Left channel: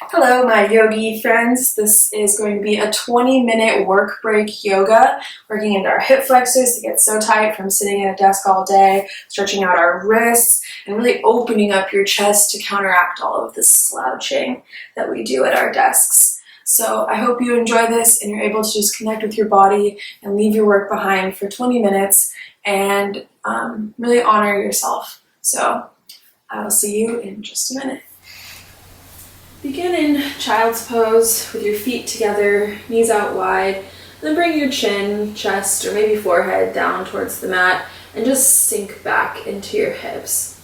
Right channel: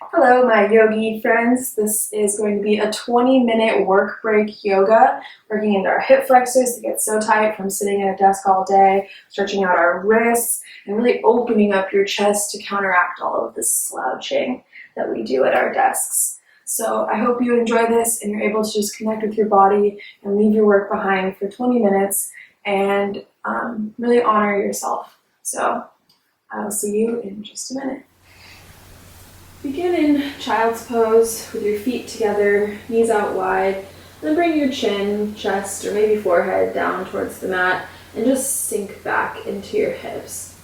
Hello, my yogi friends. This is going to be a 20-minute work break yoga, working into our hip flexors to get so tight from sitting at a desk all day, stretching out our wrists, and really opening up your chest to counteract all of the slouching that we do at our desks. So I hope you enjoy this and you're able to just connect with your body and leave your work behind for 20 minutes and really honor yourself. So I will see you in just a minute. Begin in child's pose with your feet together, knees out wide. Then bring your chin, chest, or maybe forehead down towards the mat and just sink back into your hips.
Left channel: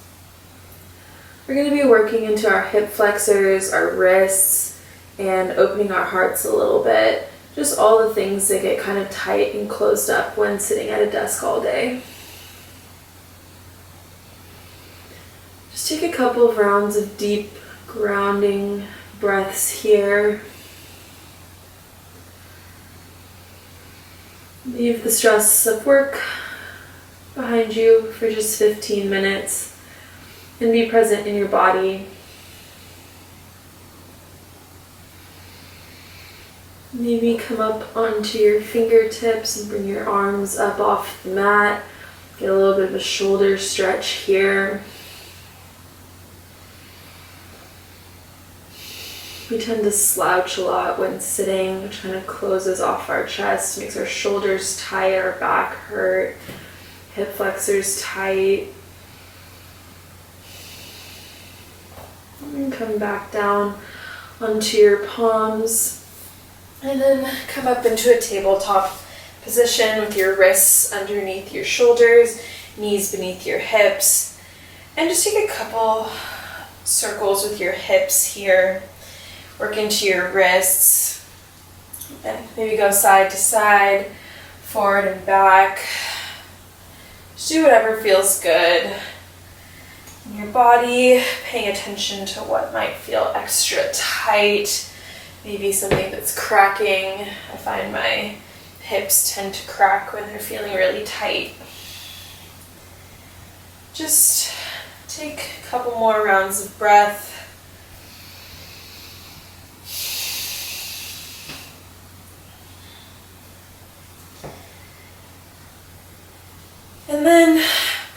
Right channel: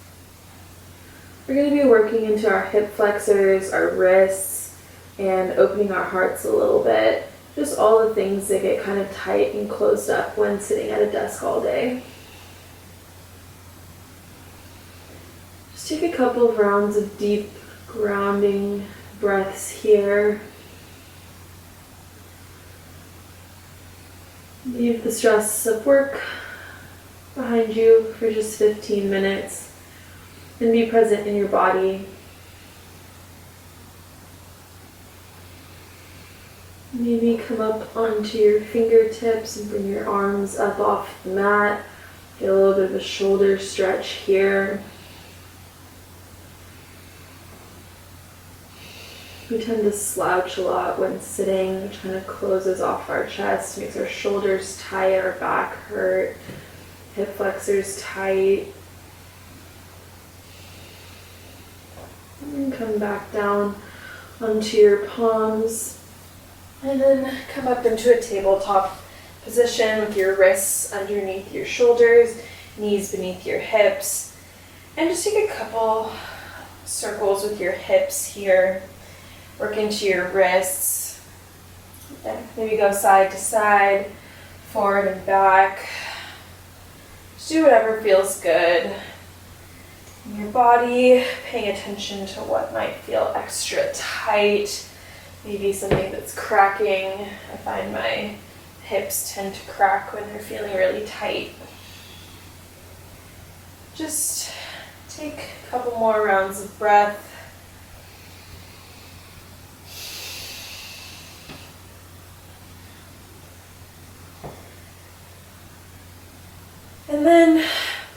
We're going to be working into our hip flexors, our wrists, and opening our hearts a little bit. Just all the things that get kind of tight and closed up when sitting at a desk all day. Just take a couple of rounds of deep grounding breaths here. Leave the stress of work behind you for just 15 minutes and be present in your body. Maybe come up onto your fingertips and bring your arms up off the mat. Get a little bit of a shoulder stretch here. We tend to slouch a lot when sitting, which kind of closes off our chest, makes our shoulders tight, our back hurt, hip flexors tight. And then come back down onto your palms. And then come up into a tabletop position with your wrists underneath your shoulders, knees beneath your hips. And just take a couple circles with your hips here. Work into your wrists, and maybe go side to side, forward and back. Just do whatever feels good in your body, paying attention to what might feel extra tight, maybe something that's cracking. I find my hips tend to crack when they're feeling really tight. Just take a couple more rounds of breath. And then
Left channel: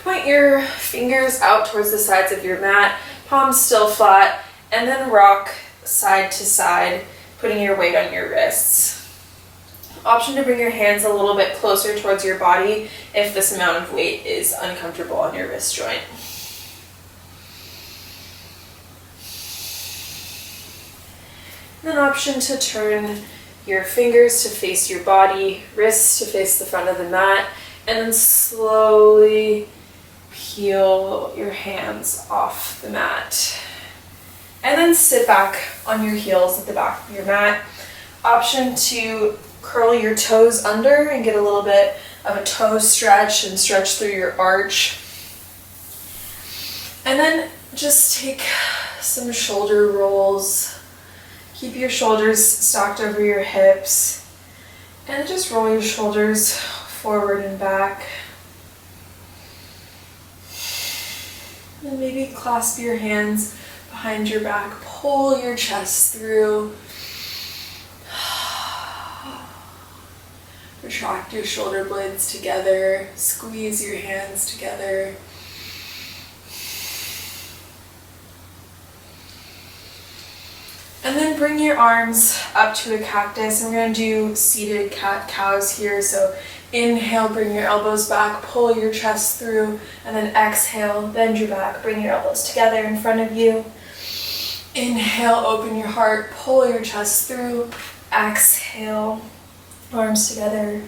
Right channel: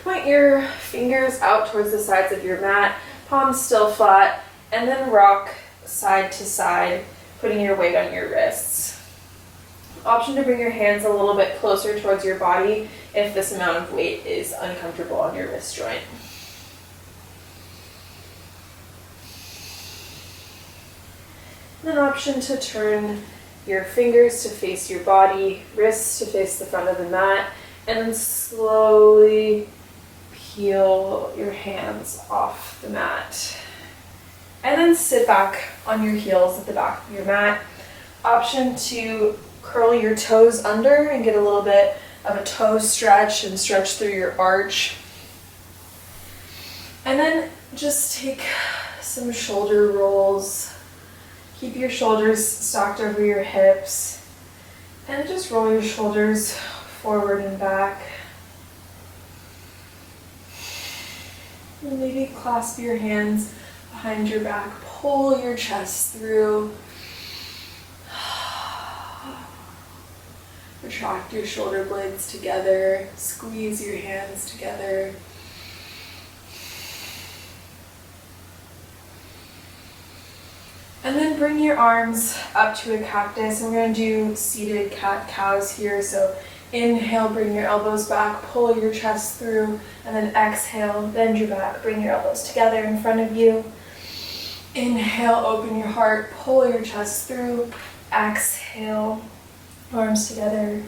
point your fingers out towards the sides of your mat, palms still flat, and then rock side to side, putting your weight on your wrists. Option to bring your hands a little bit closer towards your body if this amount of weight is uncomfortable on your wrist joint. And then option to turn your fingers to face your body, wrists to face the front of the mat, and then slowly peel your hands off the mat. And then sit back on your heels at the back of your mat. Option to curl your toes under and get a little bit of a toe stretch and stretch through your arch. And then just take some shoulder rolls. Keep your shoulders stocked over your hips. And just roll your shoulders forward and back. And maybe clasp your hands behind your back. Pull your chest through. Retract your shoulder blades together. Squeeze your hands together. And then bring your arms up to a cactus. And we're going to do seated cat-cows here. So inhale, bring your elbows back, pull your chest through, and then exhale, bend your back, bring your elbows together in front of you. Inhale, open your heart, pull your chest through, exhale, arms together.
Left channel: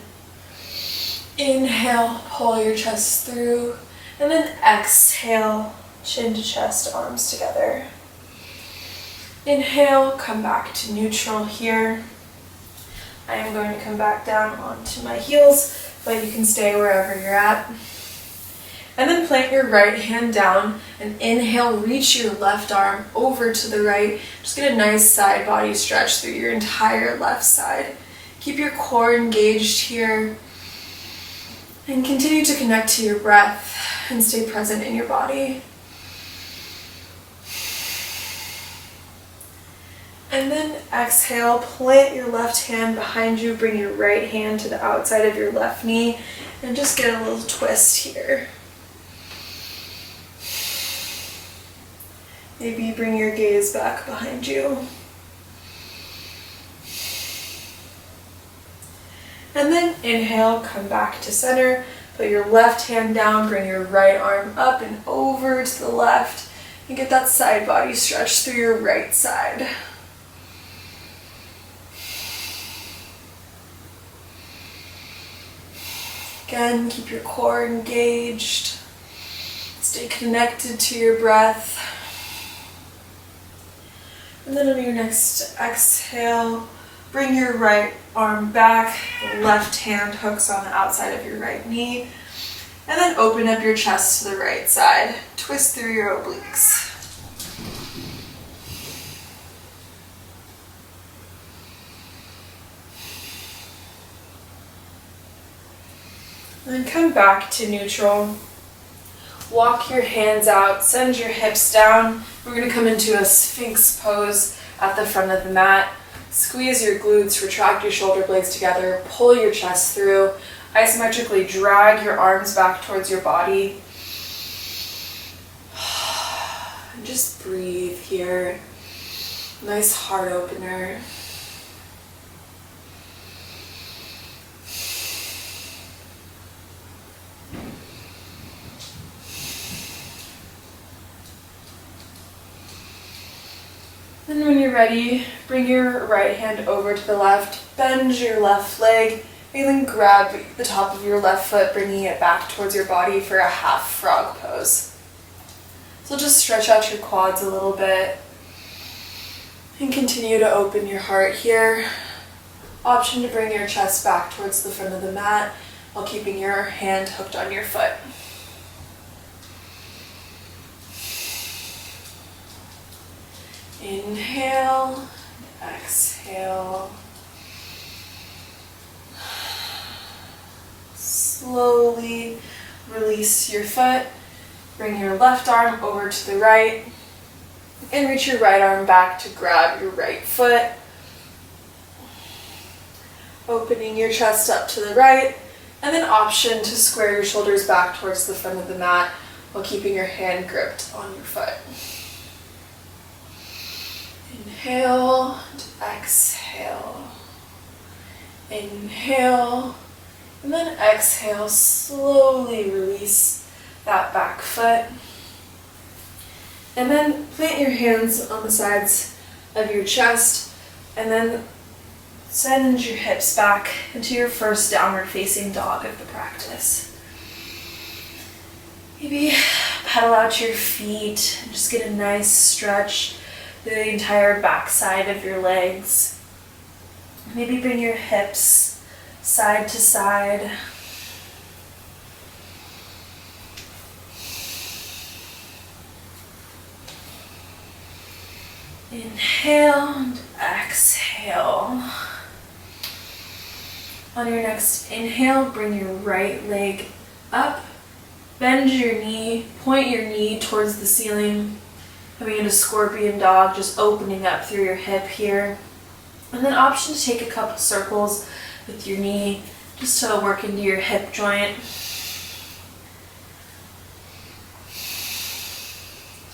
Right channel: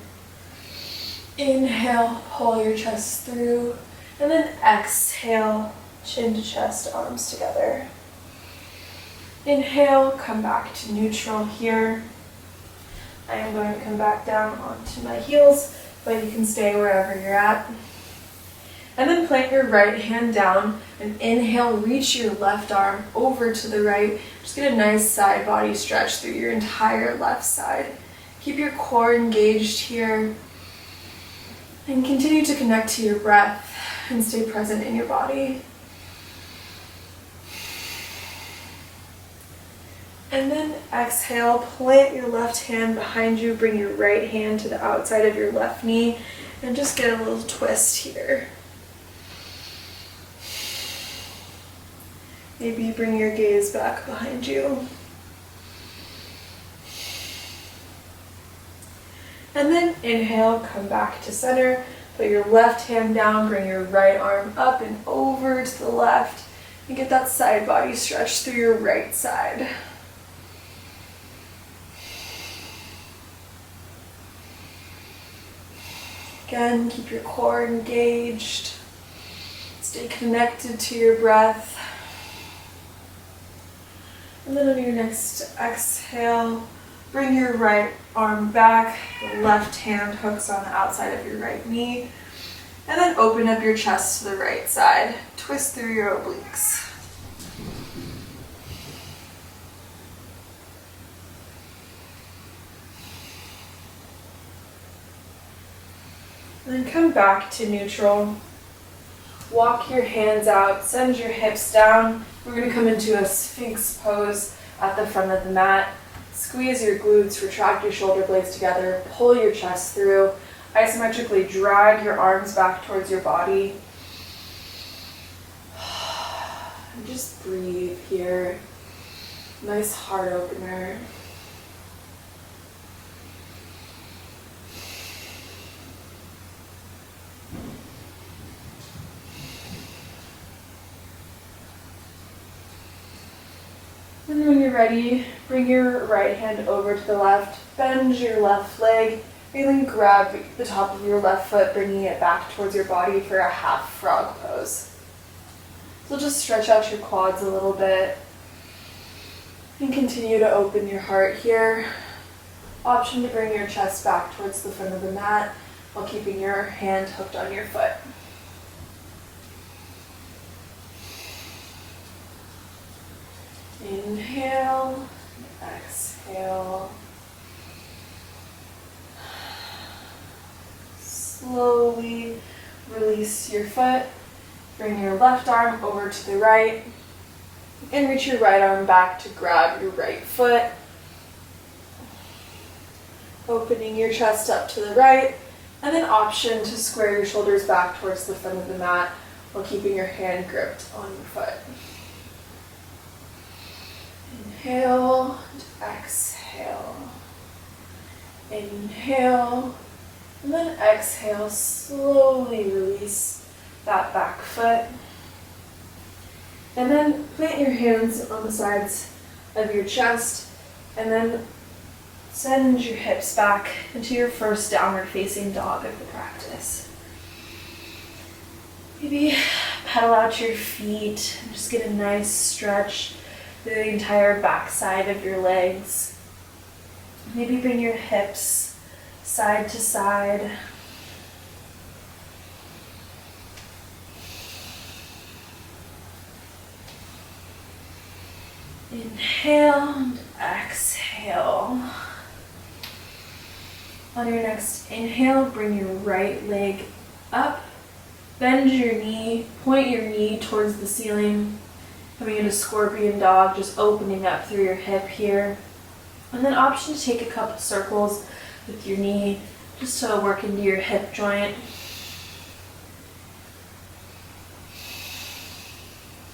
Inhale, pull your chest through, and then exhale, chin to chest, arms together. Inhale, come back to neutral here. I am going to come back down onto my heels, but you can stay wherever you're at. And then plant your right hand down and inhale, reach your left arm over to the right. Just get a nice side body stretch through your entire left side. Keep your core engaged here and continue to connect to your breath and stay present in your body. And then exhale, plant your left hand behind you, bring your right hand to the outside of your left knee, and just get a little twist here. Maybe bring your gaze back behind you. And then inhale, come back to center, put your left hand down, bring your right arm up and over to the left, and get that side body stretch through your right side. Again, keep your core engaged. Stay connected to your breath. And then on your next exhale, bring your right arm back. The left hand hooks on the outside of your right knee. And then open up your chest to the right side. Twist through your obliques. And then come back to neutral. Walk your hands out, send your hips down. We're going to come into a Sphinx pose at the front of the mat. Squeeze your glutes, retract your shoulder blades together, pull your chest through. Isometrically drag your arms back towards your body. And just breathe here. Nice heart opener. And when you're ready, bring your right hand over to the left, bend your left leg, and then grab the top of your left foot, bringing it back towards your body for a half frog pose. So just stretch out your quads a little bit and continue to open your heart here. Option to bring your chest back towards the front of the mat while keeping your hand hooked on your foot. Inhale, exhale. Slowly release your foot. Bring your left arm over to the right and reach your right arm back to grab your right foot. Opening your chest up to the right, and then option to square your shoulders back towards the front of the mat while keeping your hand gripped on your foot. Inhale and exhale. Inhale, and then exhale, slowly release that back foot. And then plant your hands on the sides of your chest, and then send your hips back into your first downward facing dog of the practice. Maybe pedal out your feet and just get a nice stretch through the entire back side of your legs. Maybe bring your hips side to side. Inhale and exhale. On your next inhale, bring your right leg up, bend your knee, point your knee towards the ceiling, coming into scorpion dog, just opening up through your hip here. And then option to take a couple circles with your knee, just to work into your hip joint.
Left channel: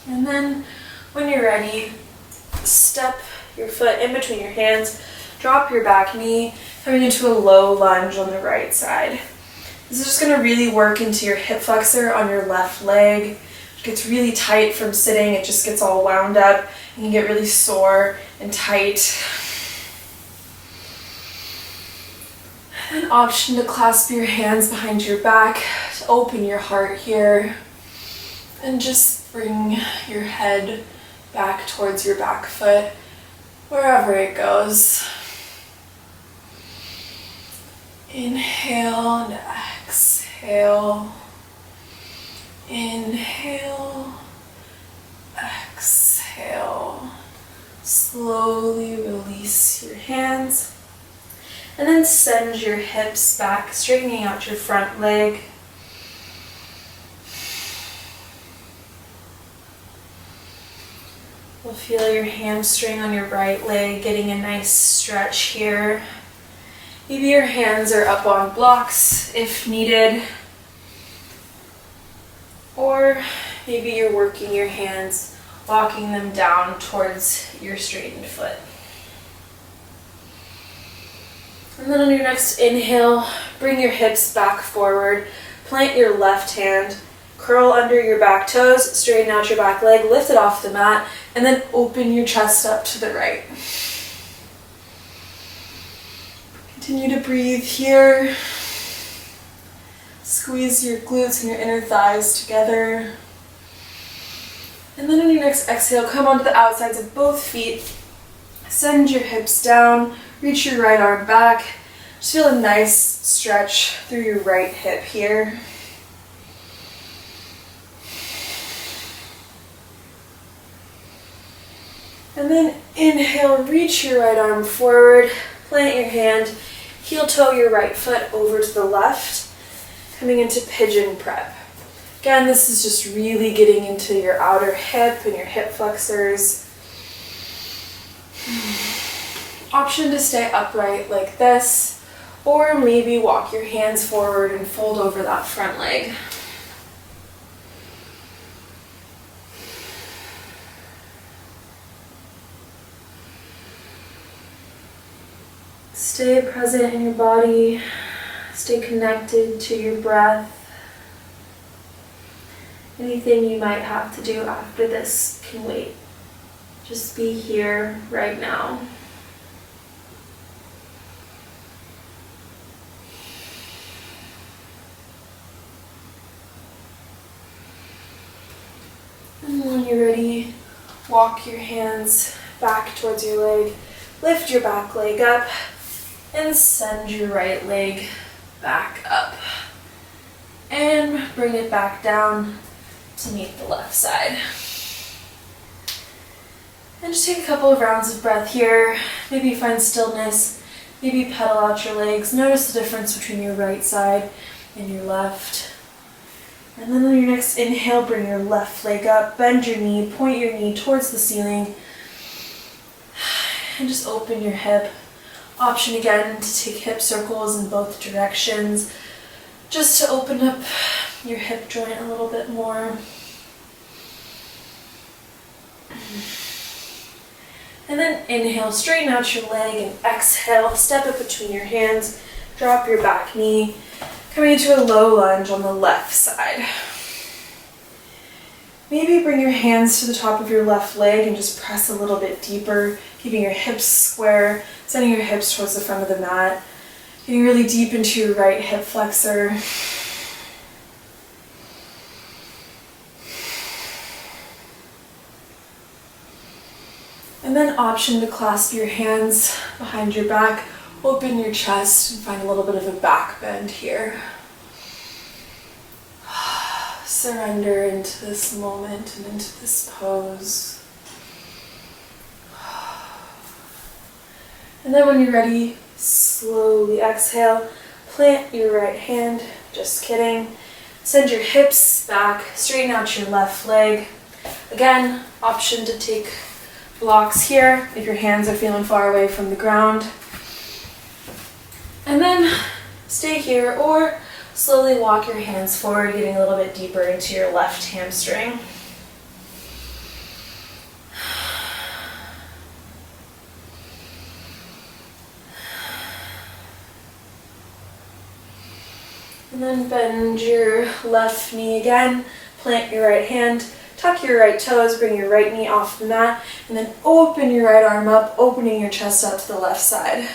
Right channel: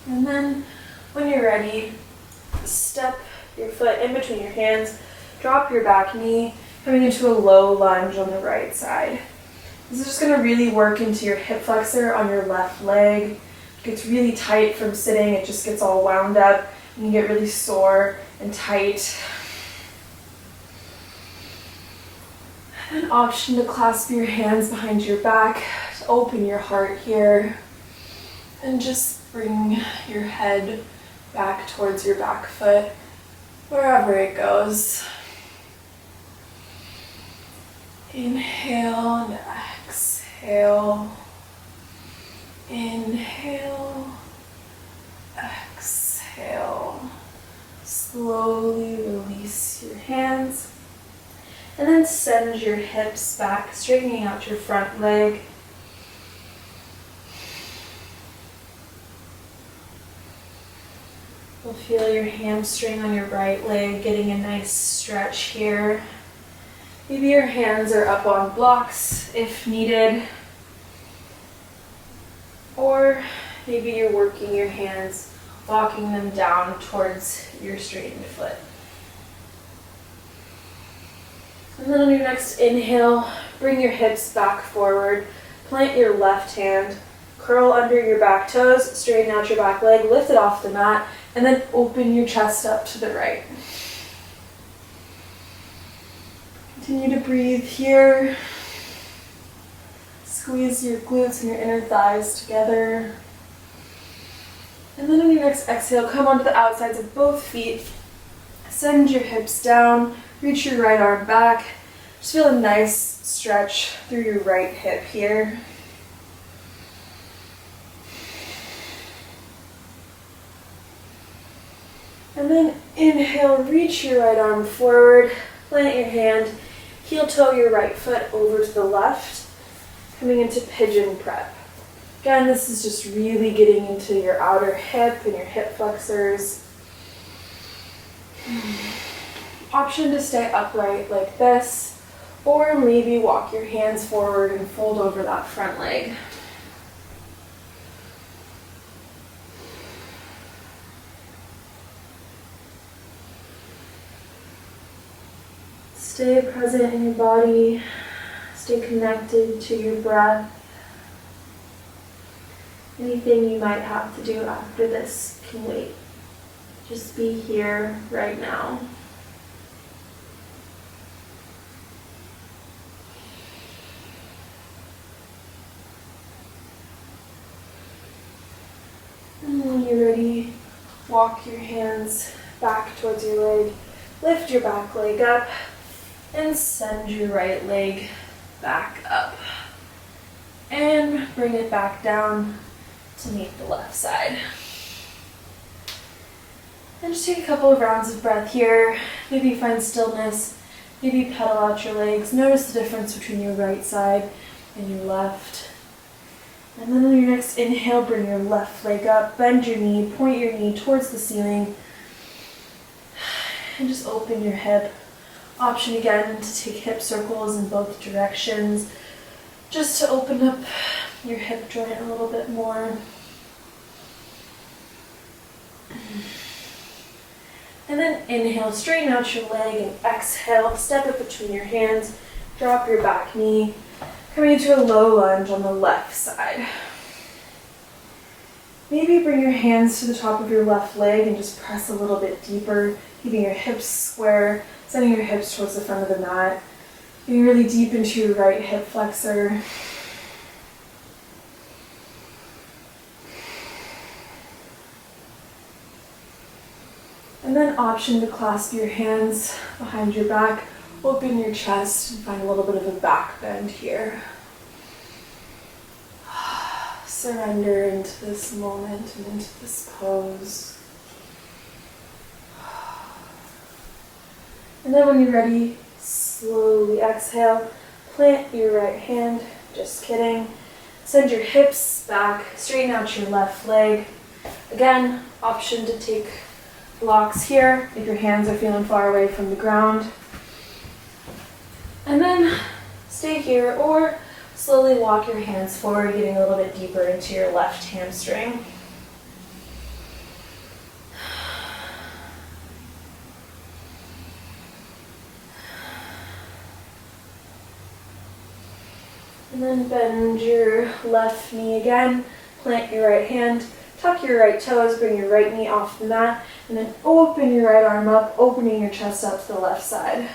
And then when you're ready, step your foot in between your hands, drop your back knee, coming into a low lunge on the right side. This is just going to really work into your hip flexor on your left leg. It gets really tight from sitting, it just gets all wound up. You can get really sore and tight. An option to clasp your hands behind your back, to open your heart here, and just bring your head back towards your back foot, wherever it goes. Inhale and exhale. Inhale, exhale. Slowly release your hands. And then send your hips back, straightening out your front leg. You'll feel your hamstring on your right leg getting a nice stretch here. Maybe your hands are up on blocks if needed. Or maybe you're working your hands, walking them down towards your straightened foot. And then on your next inhale, bring your hips back forward, plant your left hand, curl under your back toes, straighten out your back leg, lift it off the mat, and then open your chest up to the right. Continue to breathe here. Squeeze your glutes and your inner thighs together. And then on your next exhale, come onto the outsides of both feet. Send your hips down, reach your right arm back. Just feel a nice stretch through your right hip here. And then inhale, reach your right arm forward, plant your hand, heel toe your right foot over to the left, coming into pigeon prep. Again, this is just really getting into your outer hip and your hip flexors. Option to stay upright like this, or maybe walk your hands forward and fold over that front leg. Stay present in your body, stay connected to your breath. Anything you might have to do after this can wait. Just be here right now. And when you're ready, walk your hands back towards your leg, lift your back leg up, and send your right leg back up. And bring it back down to meet the left side. And just take a couple of rounds of breath here. Maybe find stillness. Maybe pedal out your legs. Notice the difference between your right side and your left. And then on your next inhale, bring your left leg up, bend your knee, point your knee towards the ceiling, and just open your hip. Option again to take hip circles in both directions, just to open up your hip joint a little bit more. And then inhale, straighten out your leg, and exhale, step it between your hands, drop your back knee, coming into a low lunge on the left side. Maybe bring your hands to the top of your left leg and just press a little bit deeper, keeping your hips square, sending your hips towards the front of the mat, getting really deep into your right hip flexor. And then option to clasp your hands behind your back, open your chest, and find a little bit of a back bend here. Surrender into this moment and into this pose. And then when you're ready, slowly exhale, plant your right hand, just kidding. Send your hips back, straighten out your left leg. Again, option to take blocks here if your hands are feeling far away from the ground. And then stay here or slowly walk your hands forward, getting a little bit deeper into your left hamstring. And then bend your left knee again, plant your right hand, tuck your right toes, bring your right knee off the mat, and then open your right arm up, opening your chest out to the left side.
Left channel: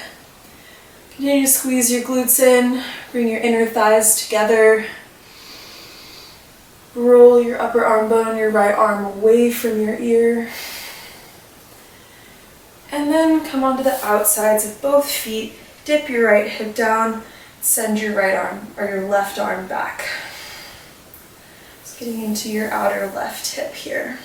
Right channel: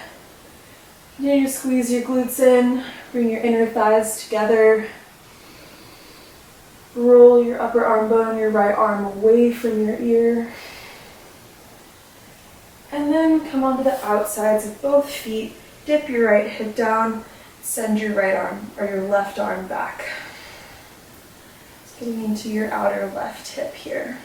Continue to squeeze your glutes in, bring your inner thighs together. Roll your upper arm bone on your right arm away from your ear. And then come onto the outsides of both feet, dip your right hip down, send your right arm or your left arm back. Just getting into your outer left hip here.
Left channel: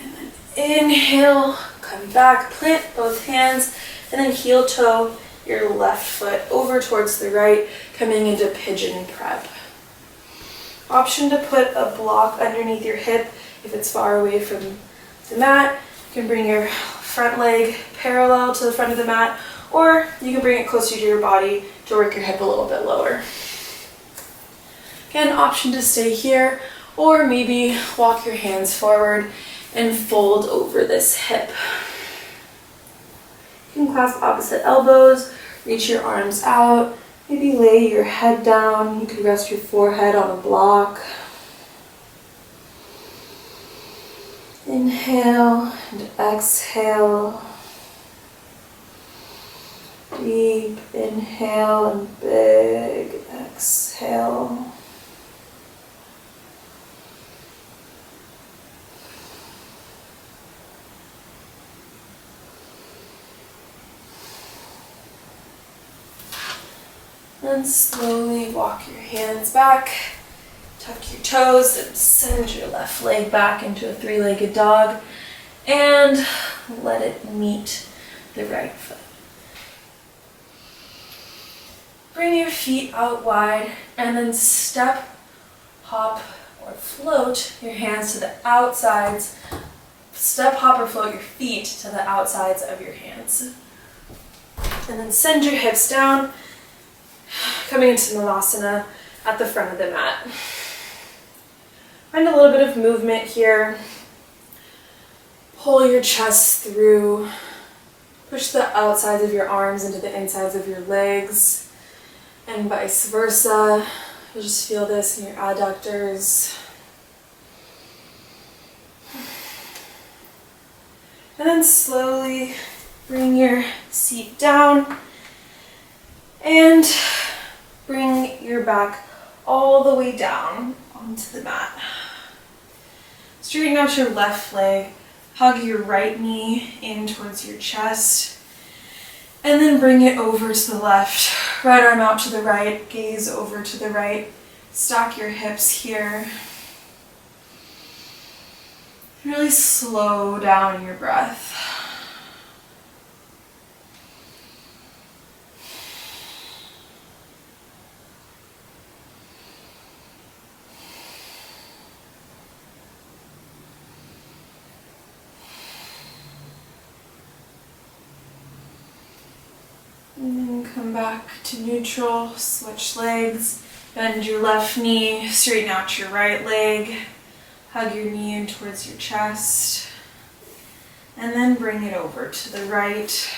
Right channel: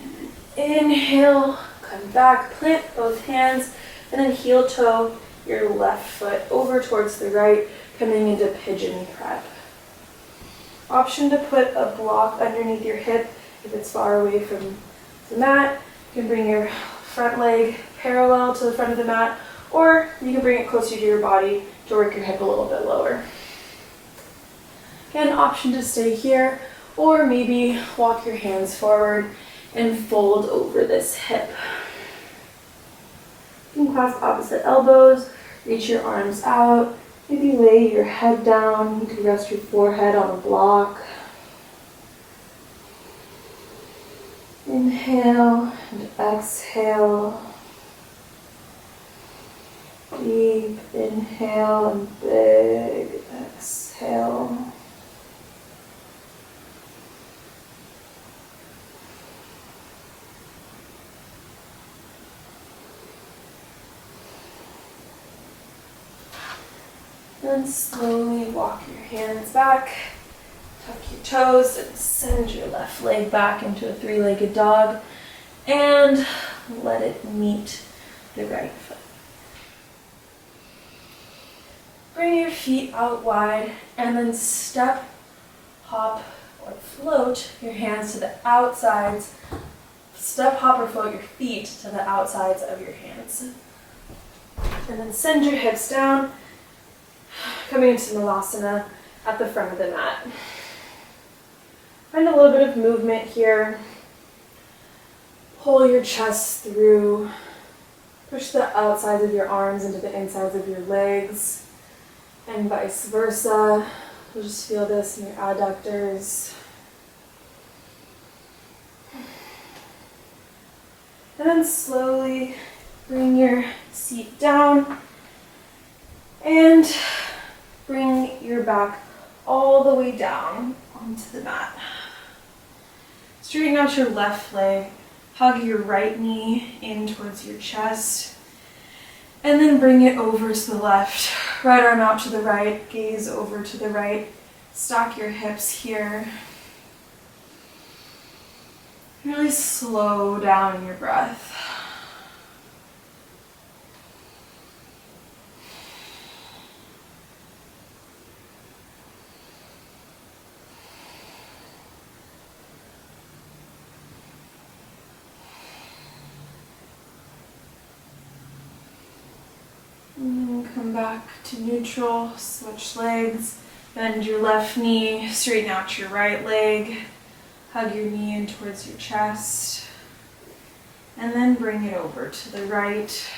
And then inhale, come back, plant both hands, and then heel toe your left foot over towards the right, coming into pigeon prep. Option to put a block underneath your hip if it's far away from the mat. You can bring your front leg parallel to the front of the mat, or you can bring it closer to your body to work your hip a little bit lower. Again, option to stay here, or maybe walk your hands forward and fold over this hip. You can clasp opposite elbows, reach your arms out, maybe lay your head down. You could rest your forehead on a block. Inhale and exhale. Deep inhale and big exhale. Then slowly walk your hands back, tuck your toes, and send your left leg back into a three-legged dog, and let it meet the right foot. Bring your feet out wide, and then step, hop, or float your hands to the outsides. Step, hop, or float your feet to the outsides of your hands. And then send your hips down, coming into Malasana at the front of the mat. Find a little bit of movement here. Pull your chest through. Push the outsides of your arms into the insides of your legs, and vice versa. You'll just feel this in your adductors. And then slowly bring your seat down and bring your back all the way down onto the mat. Straighten out your left leg, hug your right knee in towards your chest, and then bring it over to the left. Right arm out to the right, gaze over to the right. Stack your hips here. Really slow down your breath. And then come back to neutral, switch legs, bend your left knee, straighten out your right leg, hug your knee in towards your chest, and then bring it over to the right.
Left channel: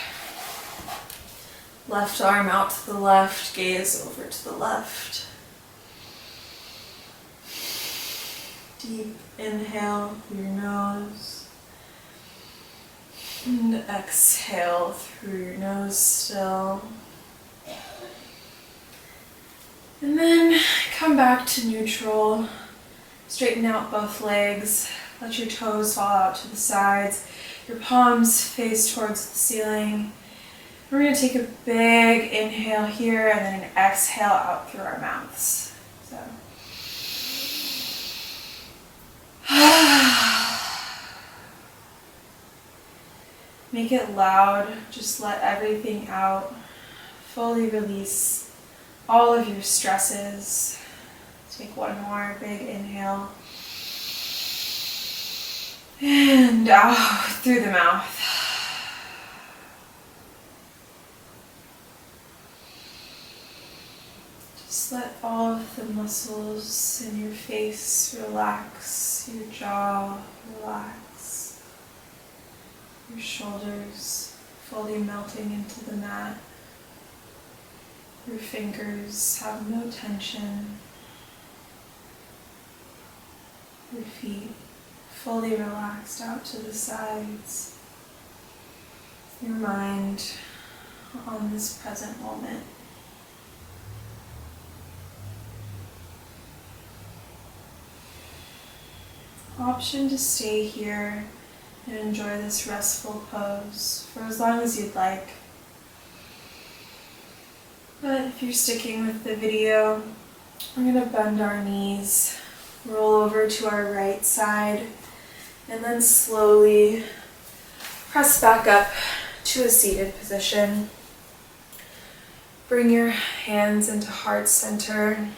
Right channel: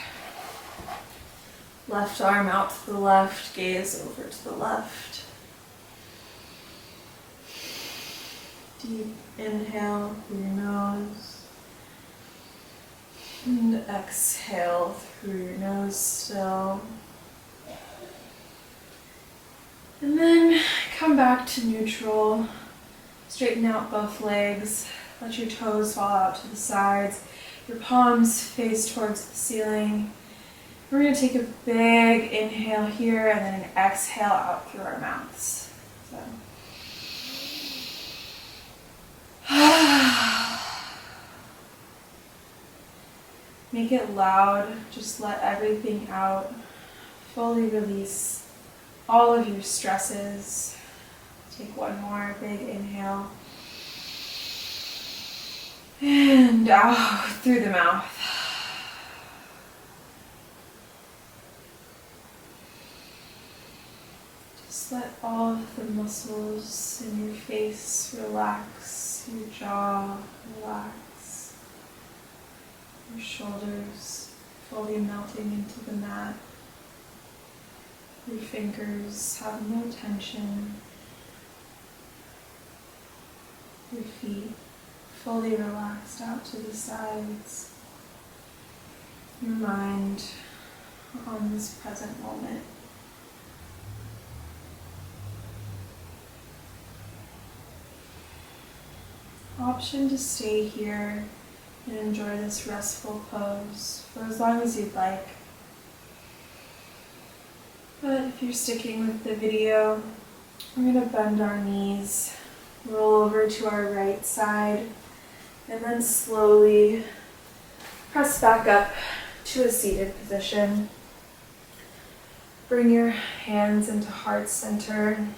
Left arm out to the left, gaze over to the left. Deep inhale through your nose. And exhale through your nose still. And then come back to neutral. Straighten out both legs. Let your toes fall out to the sides. Your palms face towards the ceiling. We're going to take a big inhale here and then an exhale out through our mouths. So. Make it loud, just let everything out. Fully release all of your stresses. Take one more big inhale. And out through the mouth. Just let all of the muscles in your face relax, your jaw relax. Your shoulders fully melting into the mat. Your fingers have no tension. Your feet fully relaxed out to the sides. Your mind on this present moment. Option to stay here and enjoy this restful pose for as long as you'd like. But if you're sticking with the video, we're going to bend our knees, roll over to our right side, and then slowly press back up to a seated position. Bring your hands into heart center.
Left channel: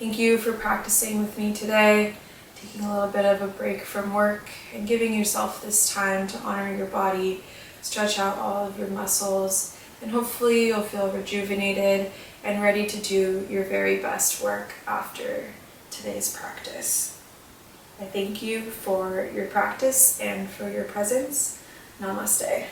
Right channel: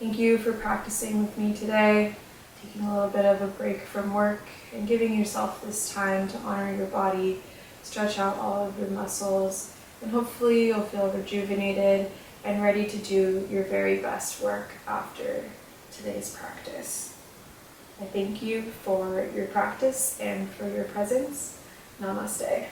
Thank you for practicing with me today, taking a little bit of a break from work and giving yourself this time to honor your body, stretch out all of your muscles, and hopefully you'll feel rejuvenated and ready to do your very best work after today's practice. I thank you for your practice and for your presence. Namaste.